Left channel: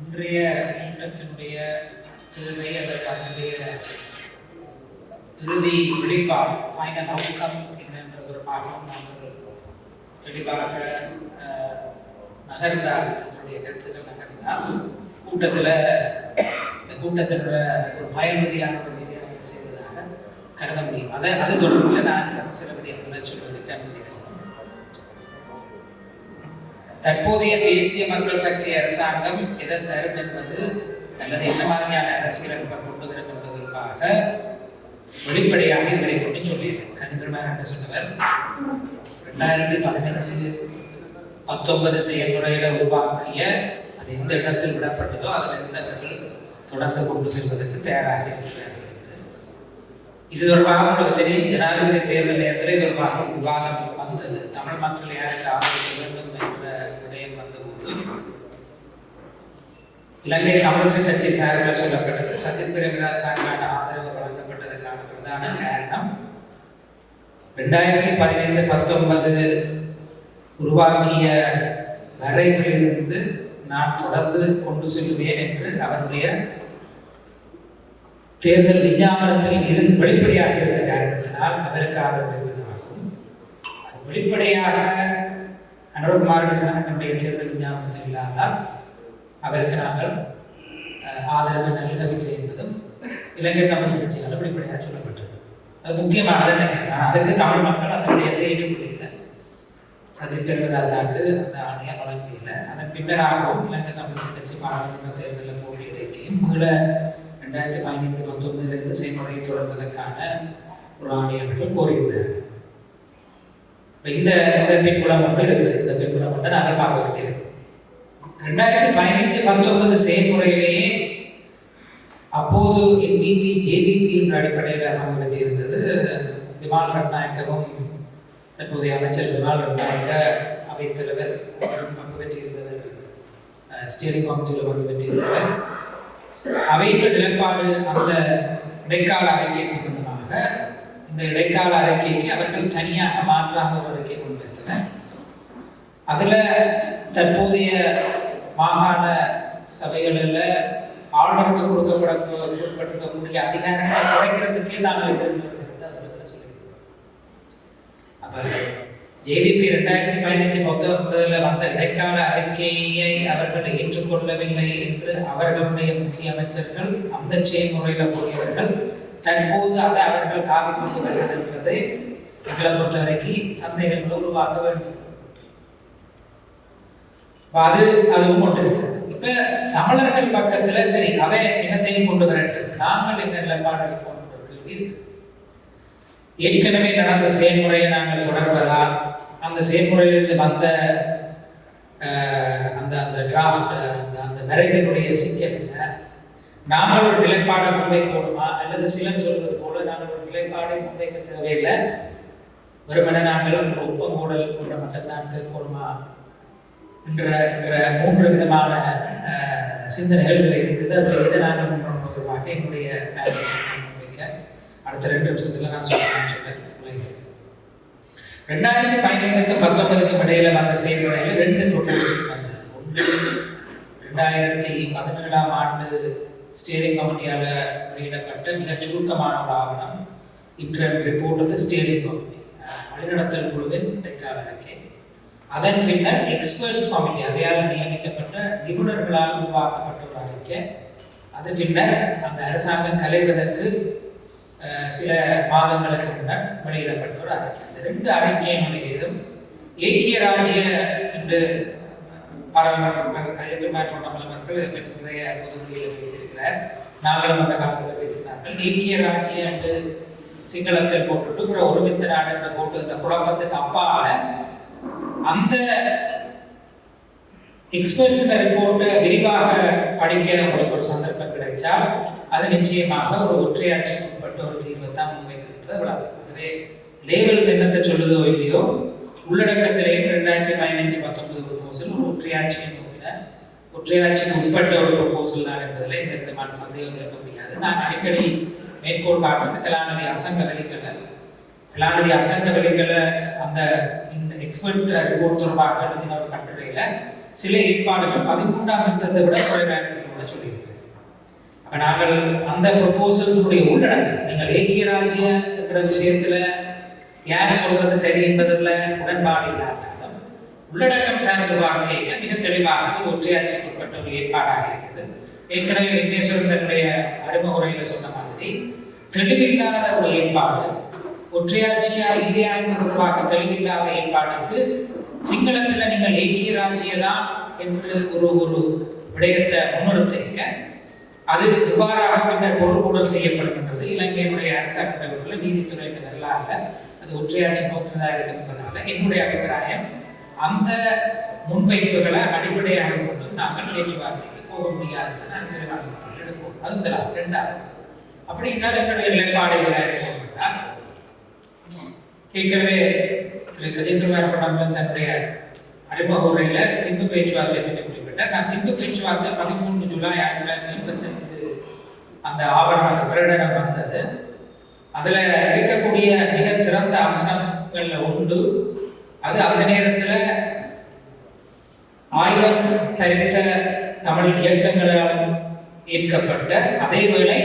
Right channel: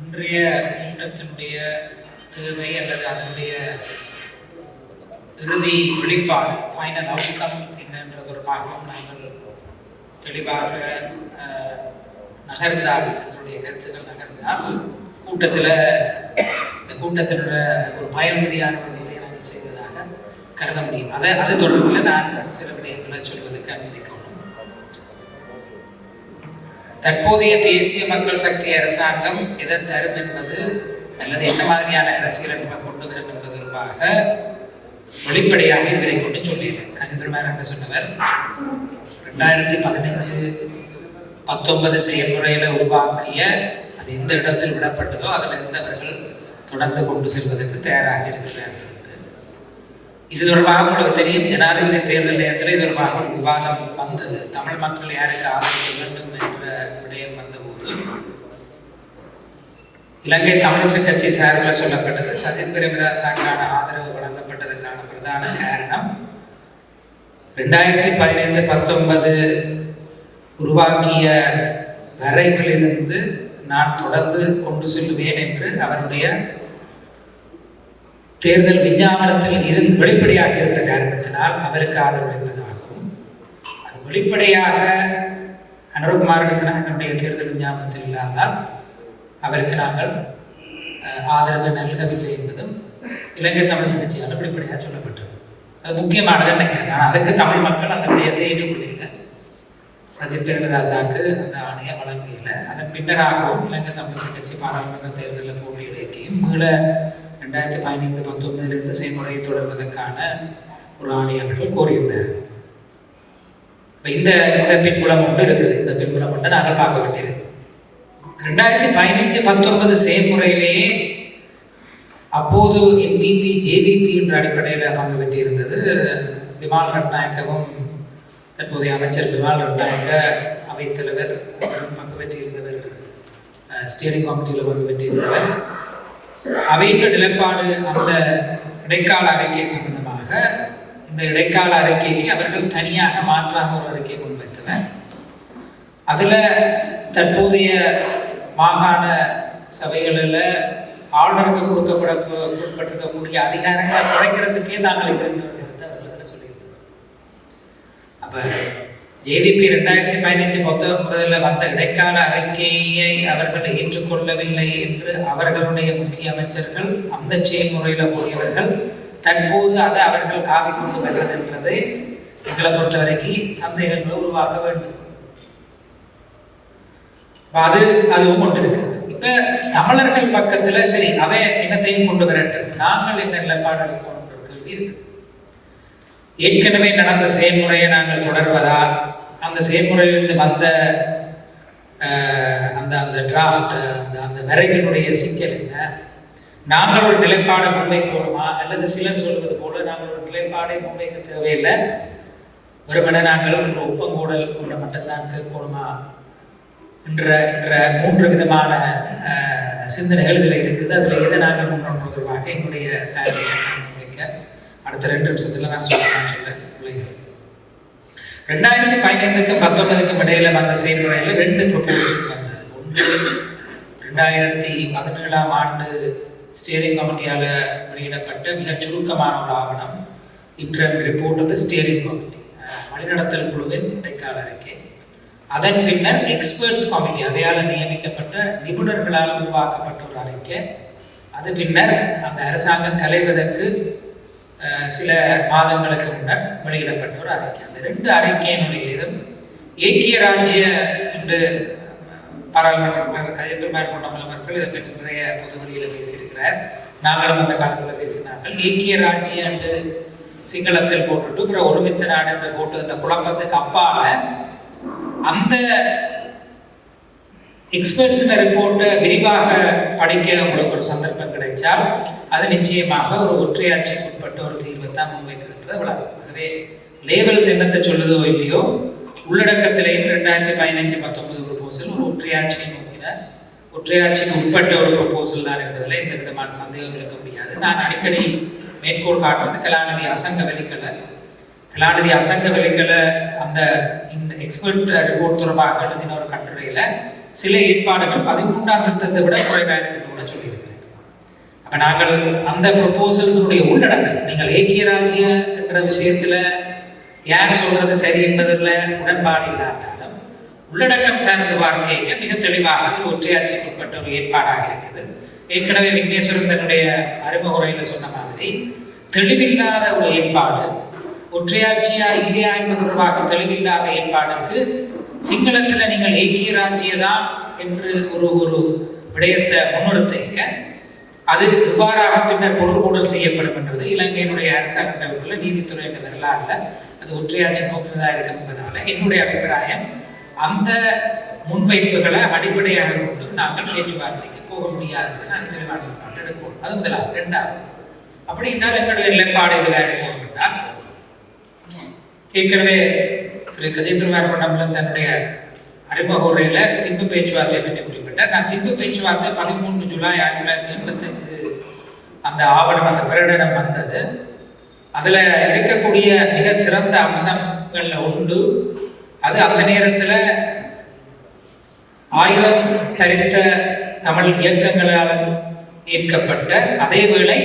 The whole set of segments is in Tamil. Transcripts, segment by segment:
இன்றைய கூட்டத்தினுடைய தேவை அல்லது அதனுடைய இறுதி வெளிப்பாடு ஃபைனல் அவுட்கம் என்னன்ற ஒரு பாகம் நாங்கள் தெளிவாக நகர்ந்தால் எங்களுடைய கருத்துக்கள் நகர்ந்தால் கூட்டத்தில் இந்த கூட்டத்தினோட ஒரு பயனுறுதியான ஒரு நிலையை நாங்கள் செய்ததாக கருத முடியும். அது தொடர்பில் நான் சில விடயங்களை சொல்வதற்கு அனுமதிக்கும். தற்போதைய தேசிய மக்கள் சக்தி அரசாங்கம் எதை தரும் என்பது அல்லது என்ன மாதிரியான அரசியலமைப்பை கொண்டு வரும் என்பது தொடர்பாக வெளிப்படையாக இவரை கொண்டு சொல்லிடுறேன். கஜேந்திரமார் என்ன சொன்னவர் 2015-19 செயல்முறையில உருவாக்கிய அது எந்த இடத்தில் விடப்பட்டதோ அதிலிருந்து அவர்கள் தொடர்ந்து கொண்டு செல்வதற்கு தயாராக இருக்கிறார்கள். இது தொடர்பாக உங்களுக்கு தெரியும், ஜனாதிபதி தேர்தல் நேரத்தில் இது தொடர்பாக விவாதம் வந்தது. தமிழ் மக்கள் யாருக்கு ஆதரவு வேண்டும் என்ற விடயம் வந்தபோது இலங்கை தமிழரசு கட்சி சார்பில் சொல்லப்பட்டது சஜித் பிரேமதாசாவுக்கான ஆதரவு வழங்கப்பட்டதற்கான பிரதான காரணம் 2015-19 உருவாக்கிய வரைவிலிருந்து நான் தொடர்ந்து கொண்டு செல்லுவேன் என்று அவருடைய தேர்தல் விஞ்ஞாபனத்தில் வெளிப்படையாக இருந்த காரணத்தினால் அவருக்கு ஆதரவு என்பதாகவும், அது வெளிப்படையாக அனுரகுமார் திசாநாயக்கனுடைய தேர்தல் விஞ்ஞாபனத்தில் இல்லாதால் அவருக்கு நாங்கள் ஆதரவு நல்கவில்லை என்பதும் இலங்கை தமிழரசு கட்சியால் வெளிப்படையாக சொல்லப்பட்டது. அது முக்கியமானது நினைக்கிறேன். நான் அதுக்கு தமிழ் மக்கள் அந்த விடயத்தை ஏற்றுக்கொள்ளல. சஜித் பிரேமதாசாவுக்கு அந்த ஆணையை வழங்கல. அதன் பின்னராகவும் இலங்கை தமிழரசு கட்சி பாராளுமன்ற தேர்தலில் போட்டியிடைக்கையும் மீள 2015-19 செயல்முறையை தொடர்வதற்கான ஒரு ஆணை அவர்கள் கோரியிருந்தார். இந்த பின்புலம் ஒன்று இருக்குது. இந்த பின்புலம் ஒன்று நாங்கள் பார்க்க வேண்டியிருக்கு. 2015-19 செயல்முறையிலேயே அப்போது என்பிபி ஜேவிபி என்ற அடிப்படையில் பங்கு பெற்றிருந்தது. விமல் ரட்நாயக்கவும் தற்போதைய அமைச்சர் விமல் ரட்நாயக்க அவைத்தலைவர் பங்கு பெற்றிருந்தவர், ஸ்டியரிங் கமிட்டியில் பங்கு பெற்றிருந்தவர். அவைக்கு நிலைப்பாடு அந்த இடைக்கால அறிக்கை சம்பந்தமாக இந்த இடைக்கால அறிக்கைக்கு அவர்கள் தனியாக மாற்றாக ஒரு அறிக்கை முன்வைத்தனர். அதில் தற்போதைய மாகாண சபைகளில் ஆளுநருக்கு கொடுக்கப்பட்டிருக்கக்கூடிய அதிகாரங்களை குறைக்கிறதுக்கே தாங்கள் இருக்கிறது சொல்லியிருக்கிறோம். அப்போ ஜேவிபி 2015-19 வந்த இடைக்கால அறிக்கையை அவர்கள் ஏற்றுக்கொள்ளவில்லை என்று அவர்களுடைய முக்கிய அமைச்சர்கள் அந்த செயல்முறையில் கூறியவர்கள் தற்போது அதை அவர்கள் காவி கொண்டு வருகிறது என்பதை எங்களை பொறுத்தவரைக்கும் சந்தேகங்களை உருவாக்க வேண்டும். அதுவும் கொண்டு இருக்கு. இப்ப தமிழர்கள் பக்கத்துல சரி அவை இனத்தையும் கொண்டு வரட்டும், நாங்கள் என்ன நிலைப்பாடு அளிப்போம் கேள்வி இருக்கு. ஏற்கனவே நடந்த செயல்முறையை நாங்கள் தொடர்வதா, அந்த செயல்முறையிலிருந்து வந்த அந்த டிராஃப்ட் அந்த வரைவினுடைய சிக்கல் என்ன, நாங்கள் ஒரு நிலைப்பாடை முன்வைக்கணுமா, அல்லது சிலர் சொல்வது போல நாங்கள் ஒரு நிலைப்பாடை முன்வைக்க தேவையில்லை, வெறுமனே நாங்கள் ஒரு ஒப்பங்கூடல் கொண்ட மட்டும்தான் கேட்கணுமா என்ற 3 விதமான சிந்தனைகள் இதில் இருக்குது. அதில் எதை நாங்கள் முன்னோட்டு தொடர்பாக என்னுடைய முன்வைக்க அடுத்த 2 நிமிஷத்துல நான் சொல்றேன். 2015-19 இடையில வந்த செயல்முறையில் 2 ப்ரொபோசல்ஸ் வந்தது. ஒன்று 2017 ஆண்டு ஸ்டியரிங் கமிட்டியால் வெளியிடப்பட்ட மிக சுருக்கமான ஒரு ஆவணம், இன்டர்ம் ரிப்போர்ட் வந்து ஸ்டியரிங் கமிட்டி வழிநடத்தல் குழுவின் இடைக்கால அறிக்கை. அதன் பின்னர் எக்ஸ்பர்ட்ஸ் கமிட்டி அவையால் நியமிக்கப்பட்ட நிபுணர்களால் உருவாக்கப்பட்ட ஒரு அறிக்கை. அது பின்னர் அந்த அரசாங்கம் கலைவதற்கு சில மாதங்களுக்கு முன்னர் வெளியிடப்பட்ட ஒரு அறிக்கை. அந்த 2 அறிக்கையினுடைய இதும் ஏக்கிய ராஜ்ய என்று பாராளுமன்ற கஜேந்திரமார் போன்ற மக்கள் இதை பற்றி நிறைய பொது வெளியில் பேசியிருக்கிறார். நாங்களும் அந்த காலத்தில் பேசினார்கள். ஏக்கிய ராஜ்ய என்று சிங்களத்தில் போட்டுட்டு அப்புறம் ஒருமித்த நாடு என்று போட்டு இந்த குழப்பத்துக்கு அப்பால அந்த எக்ஸ்பர்ட்ஸ் ரிப்போர்ட்டை விரிவாக படிக்க உங்களுக்கு ஒரு சந்தர்ப்பம் கிடைச்சால் அது நிச்சயமாக ஒரு ஒற்றையாட்சிக்கு உட்பட்ட ஒரு தீர்வை தான் முன்வைக்கிறது. ஆகவே லேபல்ஸ் என்னத்தை சொல்லுதோ இல்லையோ, உள்ளடக்கத்திலே 2015-19 ப்ரொபோசல் ஒரு ஒற்றையாட்சியை நோக்கின ஒற்றையாட்சிக்கு உட்பட்ட ஒரு ப்ரொபோசல் தான் என்பதில் எந்த விதமான சந்தேகம் இருக்க முடியாது. நான் அடிக்கடி மேற்கோள் காட்டுறது கலாநிதி அசங்க வெளிக்கலை அந்த எக்ஸ்பர்ட் ரிப்போர்ட் தொடர்பாக எழுதின ஒரு கட்டுரையில் சில ஏற்பாடுகள் 13ஆம் திருத்தத்தை விட குறைவாக இருக்கிறது கூட சொல்லியிருக்கிறேன். அப்ப நாங்கள் அந்த ப்ரொபோசல்ஸுடைய உள்ளடக்கம், நீங்கள் ஏக்கிய ராஜ்ய என்ற விஷயத்துல யார் சொல்றது சரி என்பதில் உடன்பாடு இல்லாட்டாலும் உள்ளடக்கம் சார்ந்த வாழ்க்கைக்கு மிக தெளிவாக ஒற்றையாட்சிக்கு உட்பட்ட ஒரு ஏற்பாடாக இருக்குது. ஏற்கனவே விக்னேஸ்வரன் தன்னுடைய அறிமுக உரையில் சொன்ன மாதிரி தெளிவில்லாத ஒரு ஏற்பாடு, ஒற்றையாட்சியா இல்லையா என்பது தொடர்பாக தெளிவில்லாத ஏற்பாடுக்கு சிங்களத்தில் நீங்கள் ஏக்கிய ராஜ்யதான் என்று ஒரு விடயத்தை முன்னிறுத்திக்க அது எவ்வாறாக பின்னர் பொருள்கூடல் செய்யப்படும் என்றது இலங்கையினுடைய அரசாங்கங்களுக்குள்ள நீதித்துறை வரலாறுல அது ஒற்றையாட்சி போக்குவதாக இருக்கும் என்பதால என்னுடைய அபிப்பிராயம் அந்த முன்வைப்புகளை அடிப்படையாக கொண்டு நாங்கள் பேச்சுவார்த்தைக்கு போக முடியாது. நான் தெளிவான எடுப்போம். அது முதலாவது. இரண்டாவது, அப்படி என்றால் எங்களுடைய நிலைப்பாடு இதில் இருக்கணும்னா ஏற்கனவே திரு கஜேந்திரகுமார் பண்டமலம் தன்னுடைய அறிமுக உரையில திம்பு பேச்சுவார்த்தை பற்றி குறிப்பிட்டார். நான் திம்பு பேச்சுவார்த்தை 13 ஜூலை 1985 அந்த ஆவணம், அந்த பிரகடனம் வந்தது. அதுல இருக்கக்கூடிய மிகச் சிறந்த அம்சங்கள்ல உண்டு. அது அந்த நேரத்துல ஆயுதம் தரித்த தமிழ் இயக்கங்களாலும் ஏற்கப்பட்ட, அதே வேளை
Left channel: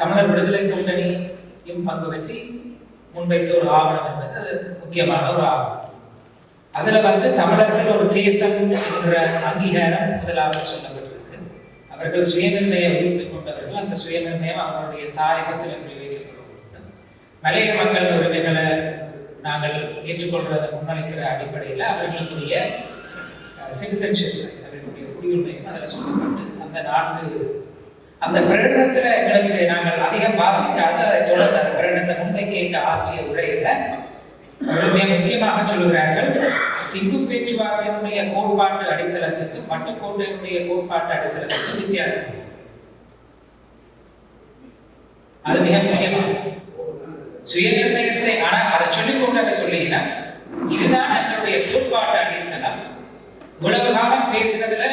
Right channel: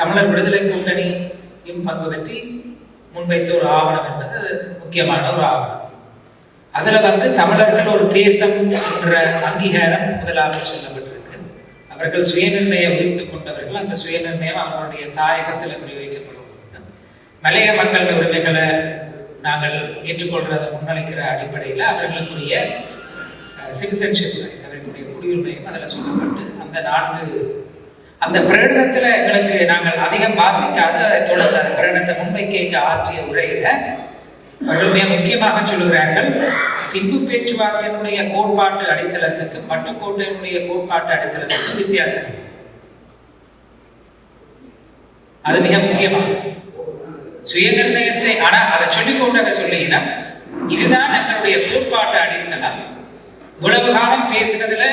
தமிழர் விடுதலை கூட்டணியும் பங்கு பற்றி முன்வைத்த ஒரு ஆவணம் என்பது முக்கியமான ஒரு ஆவணம். அதுல தமிழர்கள் ஒரு தேசம் என்ற அங்கீகாரம் முதலாவது சொல்லப்பட்டிருக்கு. அவர்கள் சுயநிர்ணயம் உரித்துக் கொண்டவர்கள். அந்த சுயநிர்ணயம் அவர்களுடைய தாயகத்தில் விநியோகிக்கப்பட வேண்டும். மலைய மக்கள் உரிமைகளை நாங்கள் ஏற்றுக்கொள்றதை முன்னளிக்கிற அடிப்படையில் அவர்களுக்குரிய சிட்டிசன்ஷிப் ரைட்ஸ், அவர்களுடைய குடியுரிமையும் அதில் சொல்லப்பட்டு அந்த பிரகடனத்தில் எங்களுக்கு நாங்கள் அதிகம் வாசிக்காத தொடர்ந்து அந்த பிரகடனத்தை முன்வைக்க ஆற்றிய உரையில மிக முக்கியமாக சொல்லுகிறார்கள், திம்பு பேச்சுவார்த்தையினுடைய கோட்பாட்டு அடித்தளத்துக்கு பட்டுக்கோட்டையினுடைய கோட்பாட்டு அடித்தளத்துக்கு வித்தியாசம். அது மிக முக்கியமாக சுயநிர்ணயத்தை, ஆனா அதை சொல்லிக்கொண்டு சொல்லுகிற இதுதான் எங்களுடைய கோட்பாட்டு அடித்தளம். இவ்வளவு காலம் பேசுறதுல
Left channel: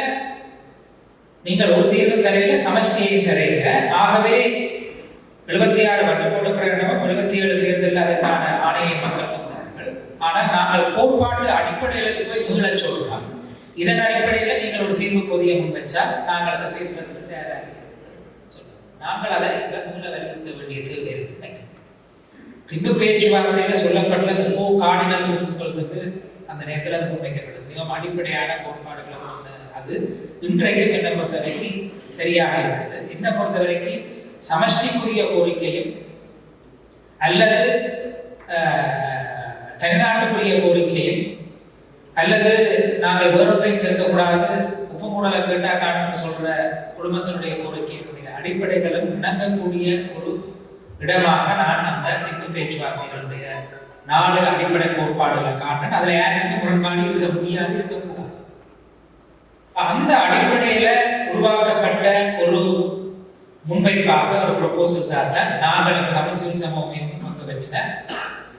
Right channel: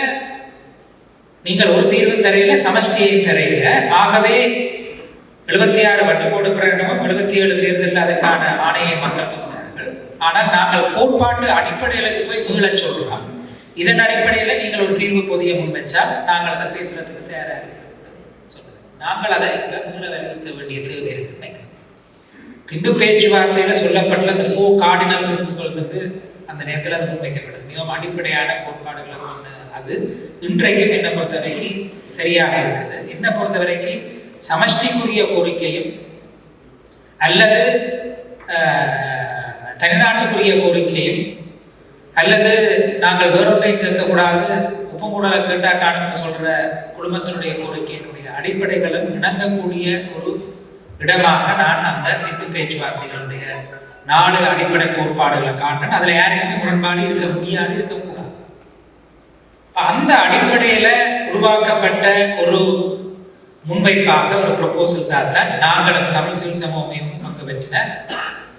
நீங்கள் ஒரு தீர்வும் தரையில, சமஷ்டியையும் தரையில. ஆகவே 76 வட்டுக்கோடு பிரகடனமும் 77 தேர்தல் அதற்கான ஆணையை மக்கள் தந்தார்கள். ஆனால் நாங்கள் கோட்பாட்டு அடிப்படையிலுக்கு போய் மீளச் சொல்றோம். இதன் அடிப்படையில நீங்கள் ஒரு தீர்வு பொதிய முன் வச்சால் நாங்கள் அதை பேசுறதுக்கு தயாராக சொல்றோம். நாங்கள் அதை மீள வலியுறுத்த வேண்டிய தேவை இருக்கு. திம்பு பேச்சுவார்த்தையில சொல்லப்பட்ட அந்த 4 கார்டினல் பிரின்சிபல்ஸுக்கு அந்த நேரத்தில் அது முன்வைக்கப்படுது. மிகவும் அடிப்படையான கோட்பாடுகள் ஒன்று. அது இன்றைக்கும் என்னை பொறுத்தவரைக்கும் சரியாக இருக்குது. என்னை பொறுத்தவரைக்கும் சமஷ்டிக்குரிய கோரிக்கையும் அல்லது தனிநாட்டுக்குரிய கோரிக்கையும் அல்லது நாங்கள் வேறொன்றையும் கேட்கக்கூடாது, உப்பு மூடலை கேட்டா காணும்னு சொல்ற குடும்பத்தினுடைய கோரிக்கையினுடைய அடிப்படைகளும் இணங்கக்கூடிய ஒரு இடமாக நான் அந்த திம்பு பேச்சுவார்த்தைகளுடைய 4 அடிப்படை கோட்பாடுகளை காண்றேன். அதுல யாருக்குமே முரண்பாடு இருக்க முடியாது, இருக்கக்கூடாது. அந்த அடிப்படையில உருவாக்கப்பட்ட ஒரு முன்வைப்பாக ஒரு ப்ரொபோசல்ஸாக தான் நாங்களும் தமிழ் சிவில் சமூகமையும் பங்கு பெற்றின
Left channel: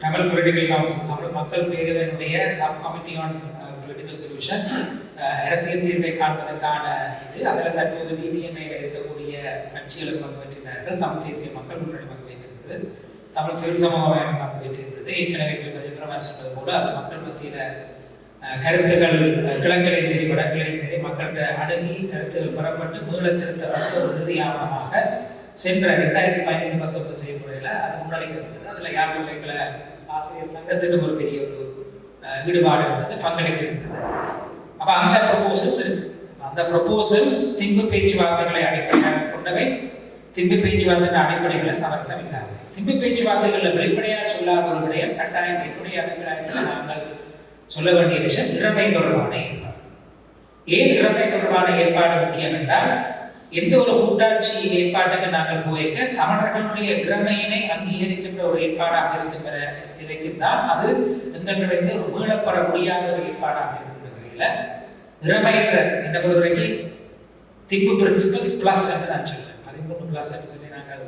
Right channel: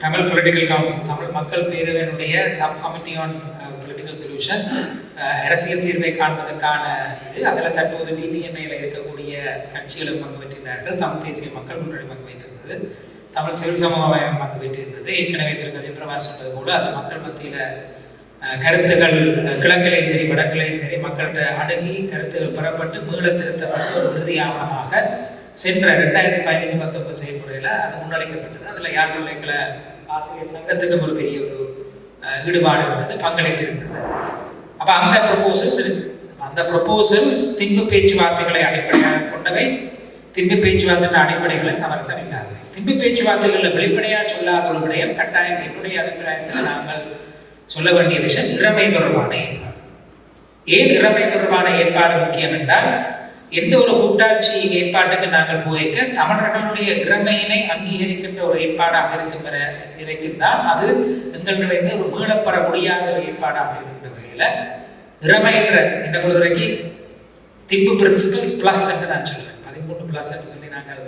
தமிழ் பொலிட்டிக்கல் கவுன்சில், தமிழ் மக்கள் பேரவையினுடைய subcommittee on political solution, அரசியல் தீர்வை காண்பதற்கான இது. அதில் தற்போது டிடிஎம்ஏல இருக்கக்கூடிய கட்சிகளும் பங்கு பெற்றிருந்தார்கள். தமிழ் தேசிய மக்கள் முன்னணி பங்கு பெற்றிருந்தது, தமிழ் சிவில் சமூகம் பங்கு பெற்றிருந்தது. ஏற்கனவே திருப்பதி பிரமார் சொன்னது போல அது மக்கள் மத்தியில கருத்துக்கள் கிழக்கிலையும் சரி வடக்கிலையும் சரி மக்கள்கிட்ட அணுகி கருத்துக்கள் பெறப்பட்டு மீள திருத்தப்பட்ட ஒரு இறுதி ஆவணமாக சென்ற 2015-19 செயல்முறையில் அது முன்னளிக்கப்பட்டது. அதில் யாழ் பல்கலைக்கழக ஆசிரியர் சங்கத்துக்கு ஒரு பெரிய ஒரு ஈடுபாடு இருந்தது, பங்களிப்பு இருந்தது. அப்போ அந்த ப்ரொபோசல்ஸ் திம்பு பேச்சுவார்த்தைகளை அடிப்படையாக கொண்டவை. திம்பு பேச்சுவார்த்தை அடிப்படைகளை சமரசம் இல்லாதவை. திம்பு பேச்சுவார்த்தைகளில் வெளிப்படையாக சொல்லாத ஒரு விடயம் கட்டாயம் என்னுடைய அபிப்பிராயத்தில் நாங்கள் சொல்ல வேண்டிய விஷயம் இறமை தொடர்பான ஏற்பாடு. ஏன் இறமை தொடர்பான ஏற்பாடு முக்கியம் என்றால், எந்த ஒரு கூட்டாட்சி ஏற்பாட்டுக்கு நாங்கள் போய்க்க தமிழர்களுடைய இறமையினை அங்கீகரிக்கின்ற ஒரு ஏற்பாடாக இருக்கின்றால் அது எங்களிடந்து ஒரு மீளப்பெற முடியாத ஒரு ஏற்பாடாக இருக்கின்ற வகையில் இறமை என்ற என்ன பொறுத்தவரைக்கும் திம்பு பிரின்சிபல்ஸ் பிளஸ் என்று நான் சொல்றேன். 13 பிளஸ் என்று சொல்லி நாங்கள்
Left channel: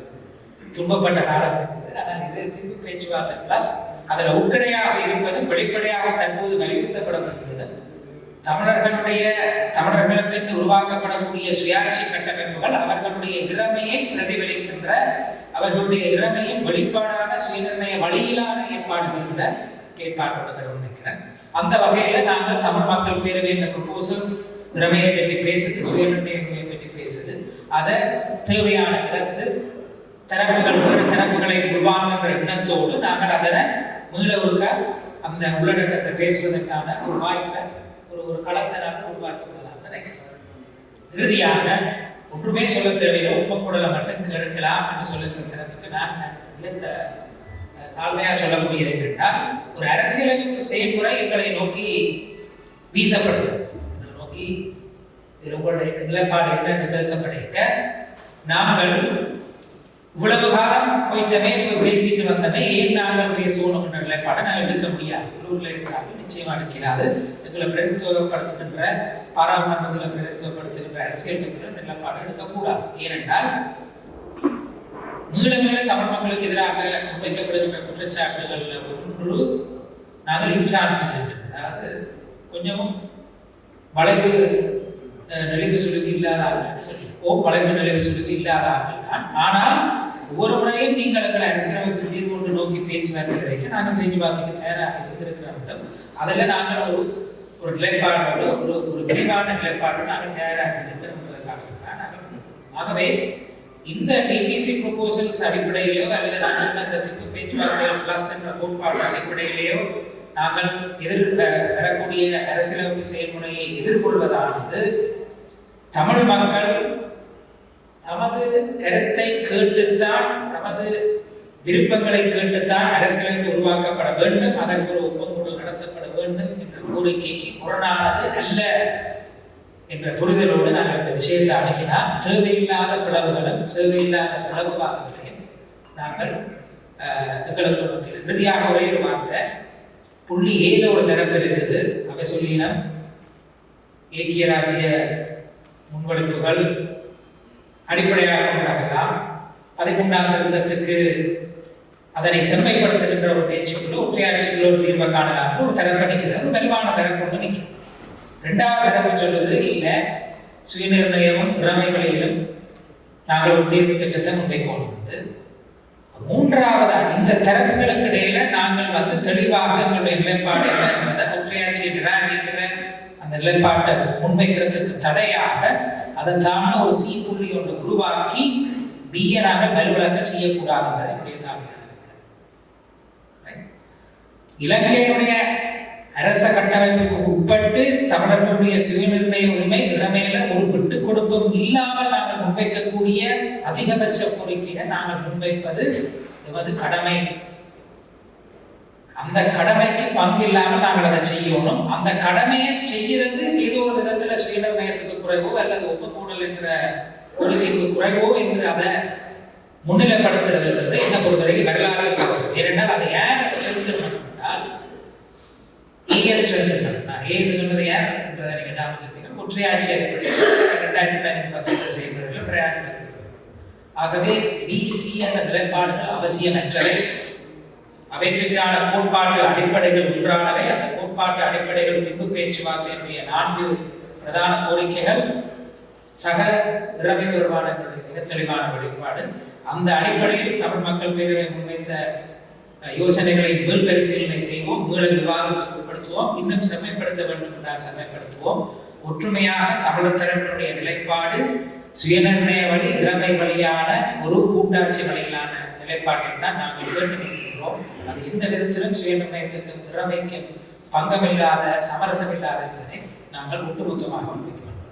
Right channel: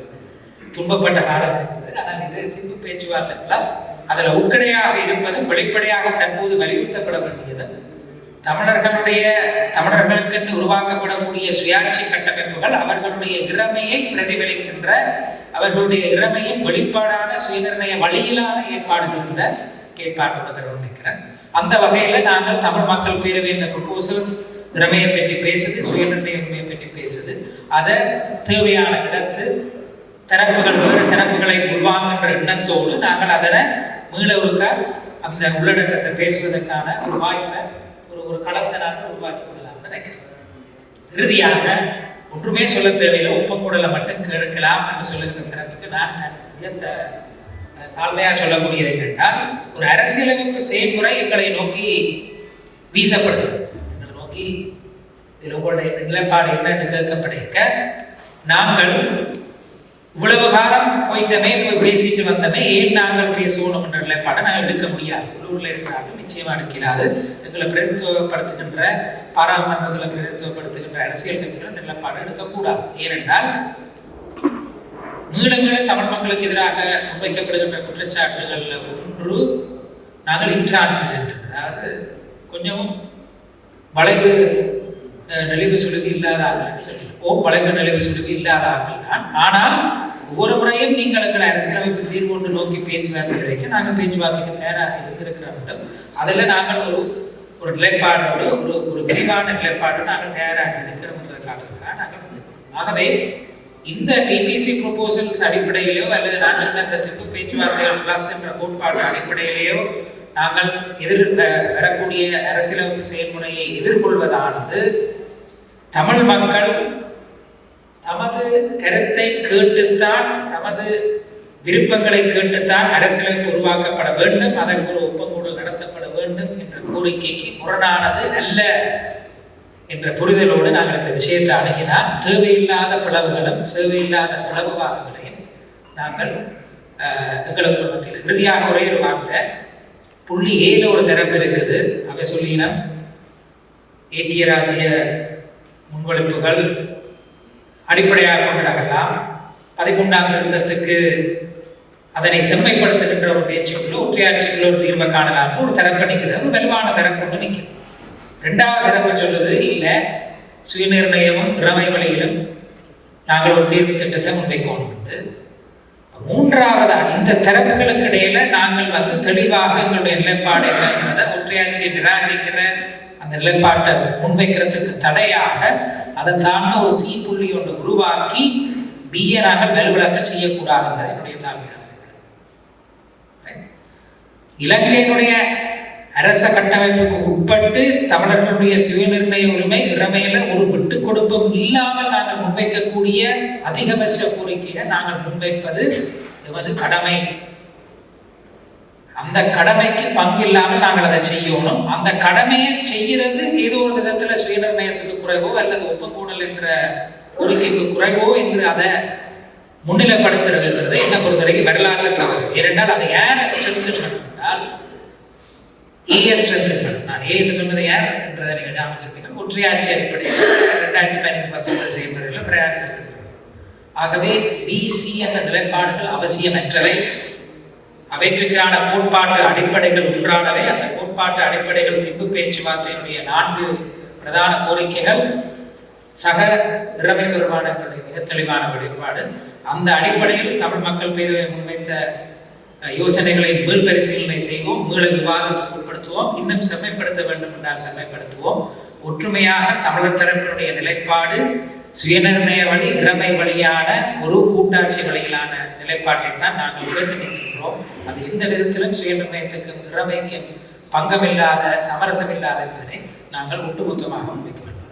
துன்பப்பட்ட காலம் இருக்குது. ஆனால் இது திம்பு பேச்சுவார்த்தை பிளஸ். அதில் உட்கடையாக இருப்பதும் வெளிப்படையாக தற்போது வலியுறுத்தப்பட வேண்டியது தமிழர்களுக்கு உருவாக்கப்படக்கூடிய சுயாட்சி கட்டமைப்புகள் அவர்களுடைய இறமையை பிரதிபலிக்கின்ற, அவர்களுடைய இறமையின் வெளிப்பாடான சுயநிர்ணய வழியிலான ஏற்பாடுகள் என்ற ஏற்பாட்டோட நினைக்கிறேன். அந்த வகையில நாங்கள் தமிழ் மக்கள் பேரவை இந்த ப்ரொபோசல்ஸ் இறமையை பற்றி பேசுது, சுயநிர்ணய உரிமையை பற்றி பேசுது. அதை தேவையான இடத்து தரப்புகளை உருவாங்குகின்ற எண்ணத்தோடு நாங்கள் அதனை மீள ஒருக்க அந்த உள்ளடக்கத்தை பேசுவதற்கான ஒரு வாய்ப்பை ஒரு களத்தை நாங்கள் உருவாக்கி கொள்ளலாம் நினைக்கிறேன். இறுதியாக ஒன்றுமே சொல்ல தேவையில்லை, ஒப்பங்குடலை மட்டும் கேட்கலாம் என்று சொல்லுகிற திறனுக்கு நான் தாழ்மையாக சொல்லக்கூடியது என்னென்றால், ஒரு அரசியலமைப்பு செயல்முறை எங்களை நோக்கி வீசப்படுகிறது. எங்களை நோக்கி இதில் உங்களுடைய நிலைப்பாடு என்னென்று கேட்கப்படைக்க நாங்கள் இவ்வளவு காலம் போயிட்டமே போய் பேசிட்டு வந்தமே ஏன் நாங்கள் பேசணும் என்ற நிலைப்பாடை நாங்கள் எடுக்க முடியாது. உள்ளூரில் இருக்கிறார்கள், நிச்சயமா எடுக்கிறாது. எங்களை பிரதித்துவப்படுத்துகின்ற பாராளுமன்றத்தில் பிரதித்துவப்படுத்துகின்ற அரசியல் கட்சிகள் நிலைப்பாடு எடுக்கக்கூடாது. ஏனென்றால் நீளங்களை தமிழ் மக்களுக்கு எதிராக முன்வைக்கப்படுகின்ற குற்றச்சாட்டுகள் ஒன்று, நாங்கள் இன்ட்ரான்சிஜென்ட், அதாவது கொஞ்சம் வளைவு நெளிவு சுழுகு இல்லாதார்கள் சொல்லி வளைவு நெளிவு சுழுகு இல்லாதார்கள் தான். ஆனால் ஒவ்வொரு முறையும் நீங்கள் எங்களை அரசியலமைப்பு தீர்வு ஒன்று நோக்கி பேச்சுவார்த்தை கிடைக்க நாங்கள் பேச்சுவார்த்தைக்கு தயாராக இருந்திருக்கிறோம். அதில் நாங்கள் ஒரு நிலைப்பாடோடு ஒரு விரிவான நிலைப்பாடோடு நாங்கள் தயாராக இருக்கிறோம் நாங்கள். ஆகவே இந்த டிபிசி ப்ரொபோசல்ஸ் அடிப்படையிலோ அல்லது நான் சொன்ன இந்த திருப்பு பேச்சுவார்த்தைகள் பிளஸ் என்ற கோட்பாடு அடிப்படையிலேயோ நாங்கள் வரக்கூடிய அரசியலமைப்பு செயல்முறையை எதிர்கொள்வதானது தமிழ் மக்கள் தமது கருத்தை கேட்டுத்தான், தமது விருப்பங்களை கேட்டுத்தான் அரசியலமைப்பு உருவாக்கப்பட வேண்டும், அதற்கு ஒரு ஒப்பந்தம் நடத்தப்பட வேண்டும் என்ற கோரிக்கைக்கு முரணானது அல்ல என்ற புரிதலோடு நாங்கள் இந்த விஷயத்தை அணுகினால் தேவையில்லாத பிளவுகளும் தேவையில்லாத பிளவுவாதங்களையும் நாங்கள் எங்களுக்கு மத்தியில். இறுதியாக ஒரே ஒரு வார்த்தை, புள்ளி ஏழு ஒரு தரப்பு இருக்குது. அவை சொல்லினா ஏக்கிய ராஜ்ய முன்வெடுப்புகள் அடிப்படையாக கொண்டாடலாம், 11ஆம் திருத்தத்துக்கு அதனை செம்மைப்படுத்துகின்ற ஒரு பேச்சுக்குள்ள ஒற்றையாட்சிக்குள்ள ஒரு தீர்வை காணலாம் ஒரு தரப்பு நிற்குது, ஒரு வலுவான தரப்பு ஒன்று நிற்குது. இரண்டாவது தரப்பு சொல்லுது இல்லை, சுயநிர்ணயமும் இறமை வழியிலும் நாங்கள் ஒரு தீர்வு திட்டத்தை முன்வைக்கணும். மூன்றாவதா இந்த தரப்புகளுக்கு இடையில நாங்கள் தெளிவாக எங்களுடைய நிலைப்பாடு என்பதை ஒற்றையாட்சியை நிராகரிக்கிற அந்த நிலைப்பாட்டை முன்வைக்கிறதுக்கு தடையாக அதை தாண்ட ஒரு சி புள்ளி ஒன்று உருவாக்கி பிஏ நாங்கள் வலுவிழக்க செய்யக்கூடாது என்னுடைய தாழ்மையான. இலங்கையினுடைய அரச கட்டமைப்புக்கு உட்பட்டு தமிழர்களுடைய சுயநிர்ணய உரிமை இறமையில ஒரு விட்டு கொடுப்பும் இல்லாமல் நாங்கள் முன்வைக்கக்கூடிய அதிகபட்ச கோரிக்கையை நாங்கள் முன்வைப்பது எமது கடமை. அந்த கடமைக்கு பங்கில்லாமல் நாங்கள் அதை செய்யணும். அந்த கடமையை செய்கிறது ஏதோ ஒரு விதத்துல சுயநிர்ணயத்துக்கு குறைவோ அல்லது ஒப்பங்கூடல் என்ற கோரிக்கைக்கு குறைவோ என்று அதை முன்னிலைப்படுத்துறதுங்கிறது என்ன பொறுத்தவரைக்கும் வரலாற்று தவறு. ஏனென்றால் அதை யாரை ஸ்ட்ரென்த் பண்ணால் நான் ஏன்னு சொன்னது யார் என்றதை நீங்கள் ஞாபகம் ஒற்றையாட்சி அடிப்படையில் 2015-19 செயல்முறையில் பிரயாணிக்கிறது. ஆகவே பிசி என்ற நிலைப்பாடுகள் அவசியமற்றவை. அவற்றுக்கான கோட்பாட்டு அடிப்படைகள் ஒன்றானவை. அந்த கோட்பாட்டு அடிப்படைகள் திப்பு பேச்சுவார்த்தையினுடைய 4 பிரதான கோரிக்கைகள் சக இறமை தொடர்பான மிக தெளிவான வெளிப்பாடு. அந்த அடிப்படையில் தமிழ் மக்கள் பேரவை முன்வைத்த யோசனைகளை மீள் பரிசீலனை செய்வோம், மீள விவாதத்துக்கு உட்படுத்துவோம், இன்னும் செம்மைப்படுத்த வேண்டும் என்றால் செம்மைப்படுத்துவோம். ஒற்றுமையாக தமிழர் தரப்பினுடைய நிலைப்பாடு சுயநிர்ணய வழி இறமை வழியான ஒரு கூட்டாட்சி வழியிலான நிலைப்பாட்டை தான் நாங்கள் கேட்டு நிற்கின்றோம். அது எந்த விதத்திலும் சுயநிர்ணயத்துக்கும் இறமைக்கும் பங்கமில்லாத சமரசமில்லாத என்பதை நாங்கள் ஒட்டுமொத்தமாக முன்வைக்க வேண்டும்.